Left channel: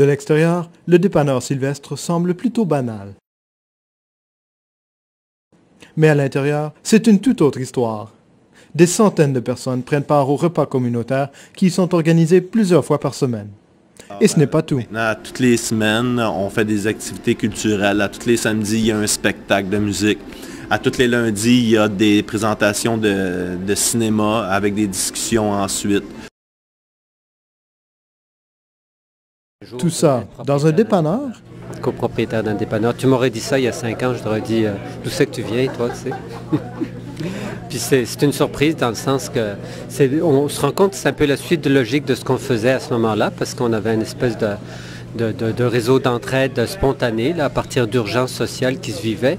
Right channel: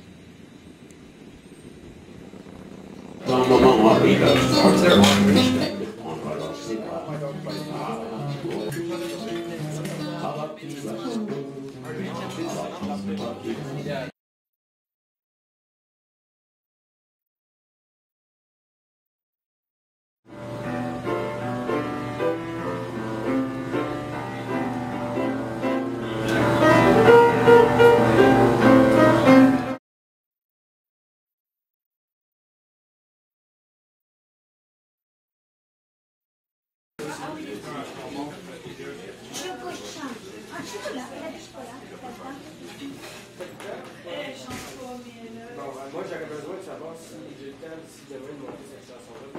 De l'extérieur, le dépanneur Sylvestre semble plutôt banal. Mais à l'intérieur, c'est une toute autre histoire. Des centaines de personnes prennent part aux repas communautaires qui sont organisés plusieurs fois par semaine. Et ce n'est pas tout. Maintenant, toutes les semaines, on fait des activités culturelles. À tous les samedis, il y a un spectacle de musique. À tous les lundis, il y a des présentations de cinéma avec des discussions ensuite. Tout ça dans un dépanneur? Copropriétaire d'un dépanneur. Tu m'aurais dit ça il y a 5 ans, je t'aurais dit d'où c'est que tu viens, toi, tu sais. Puis c'est une surprise dans le sens que on se rend compte que c'est un peu la suite de logique de ce qu'on faisait à ce moment-là, parce qu'on avait une espèce de réseau d'entraide spontané là, à partir d'urgences sociales qui se vivaient.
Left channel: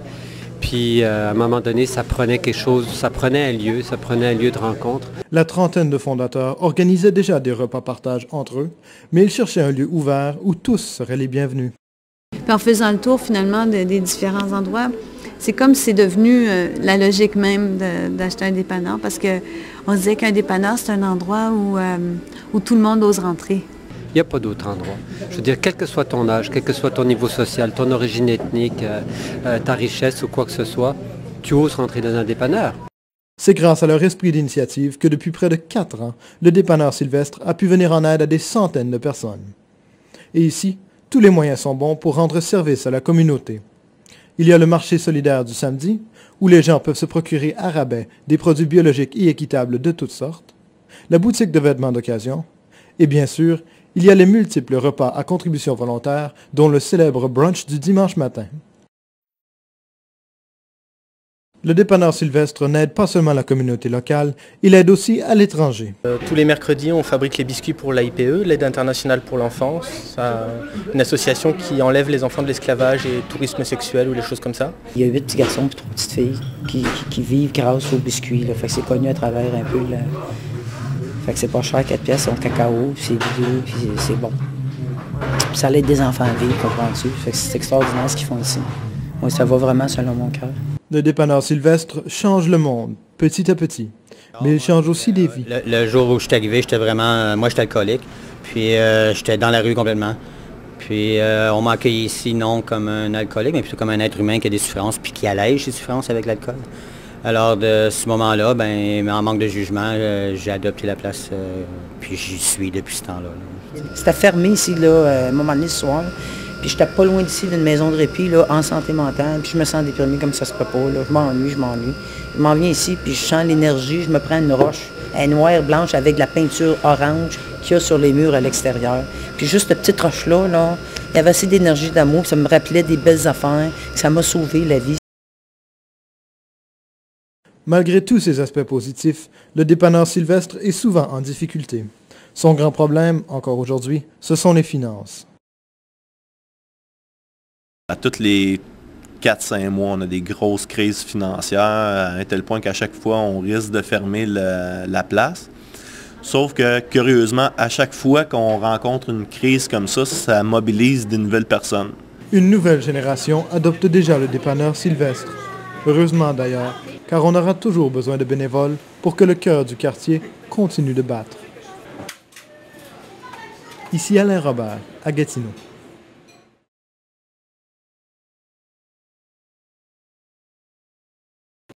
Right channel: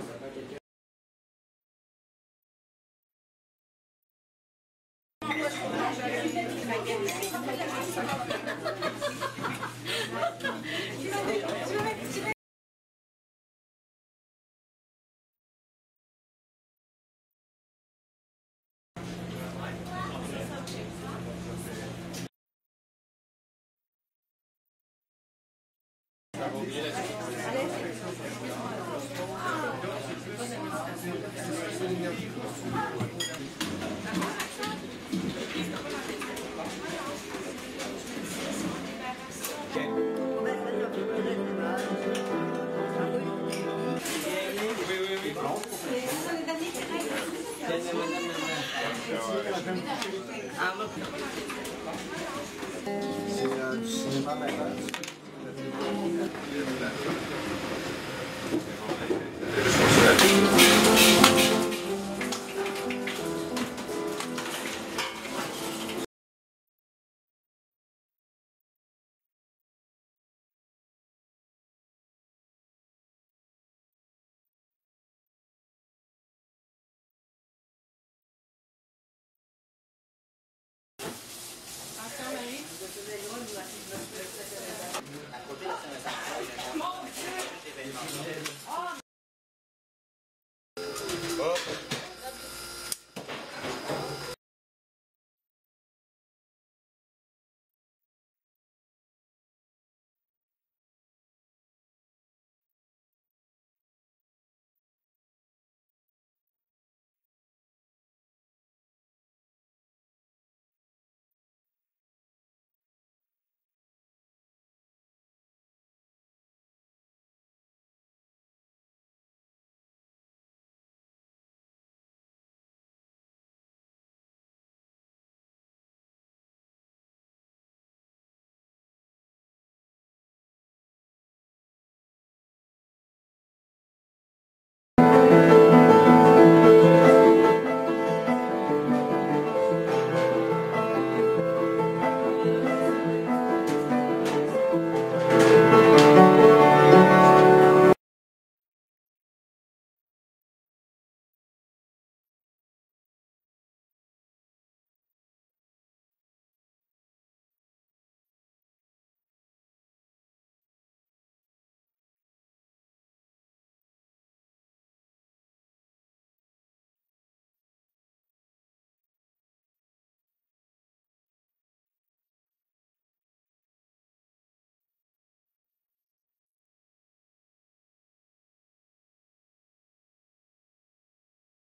Puis à un moment donné, ça prenait quelque chose, ça prenait un lieu de rencontre. La trentaine de fondateurs organisaient déjà des repas partage entre eux, mais ils cherchaient un lieu ouvert où tous seraient les bienvenus. Puis en faisant le tour finalement des différents endroits, c'est comme si c'est devenu la logique même d'acheter un dépanneur parce qu'on se disait qu'un dépanneur, c'est un endroit où tout le monde ose rentrer. Il n'y a pas d'autre endroit. Je veux dire, quel que soit ton âge, quel que soit ton niveau social, ton origine ethnique, ta richesse ou quoi que ce soit, tu oses rentrer dans un dépanneur. C'est grâce à leur esprit d'initiative que depuis près de 4 ans, le dépanneur Sylvestre a pu venir en aide à des centaines de personnes. Et ici, tous les moyens sont bons pour rendre service à la communauté. Il y a le marché solidaire du samedi, où les gens peuvent se procurer à rabais des produits biologiques et équitables de toutes sortes, la boutique de vêtements d'occasion, et bien sûr, il y a les multiples repas à contribution volontaire, dont le célèbre brunch du dimanche matin. Le dépanneur Sylvestre n'aide pas seulement la communauté locale, il aide aussi à l'étranger. Tous les mercredis, on fabrique les biscuits pour l'AIPE, l'Aide internationale pour l'enfance, une association qui enlève les enfants de l'esclavage et tourisme sexuel ou des choses comme ça. Il y a 8 petits garçons et 3 petites filles qui vivent grâce aux biscuits. Là. Fait que c'est connu à travers un peu. Là. Fait que c'est pas cher, 4 pièces, c'est en cacao, puis c'est vidéo, puis c'est bon. Puis ça aide des enfants à vivre, comprends-tu? Fait que c'est extraordinaire ce qu'ils font ici. Oui, ça va vraiment selon mon cœur. Le dépanneur Sylvestre change le monde, petit à petit. Mais il change aussi des vies. Le jour où je suis arrivé, j'étais vraiment... moi, j'étais alcoolique. Puis j'étais dans la rue complètement. Puis on m'a accueilli ici, non comme un alcoolique, mais plutôt comme un être humain qui a des souffrances, puis qui allège ses souffrances avec l'alcool. Alors, de ce moment-là, en manque de jugement, j'ai adopté la place, puis j'y suis depuis ce temps-là. C'était fermé ici, là, à un moment donné, ce soir. Puis j'étais pas loin d'ici d'une maison de répit, là, en santé mentale. Puis je me sens déprimée comme ça se peut pas, là. Je m'ennuie. Je m'en viens ici, puis je sens l'énergie. Je me prends une roche, elle est noire, blanche, avec de la peinture orange qu'il y a sur les murs à l'extérieur. Puis juste cette petite roche-là, là, il y avait assez d'énergie, d'amour, ça me rappelait des belles affaires, ça m'a sauvé la vie. Malgré tous ces aspects positifs, le dépanneur Sylvestre est souvent en difficulté. Son grand problème, encore aujourd'hui, ce sont les finances. À tous les 4-5 mois, on a des grosses crises financières, à un tel point qu'à chaque fois, on risque de fermer la place. Sauf que, curieusement, à chaque fois qu'on rencontre une crise comme ça mobilise de nouvelles personnes. Une nouvelle génération adopte déjà le dépanneur Sylvestre. Heureusement d'ailleurs, car on aura toujours besoin de bénévoles pour que le cœur du quartier continue de battre. Ici Alain Robert, à Gatineau.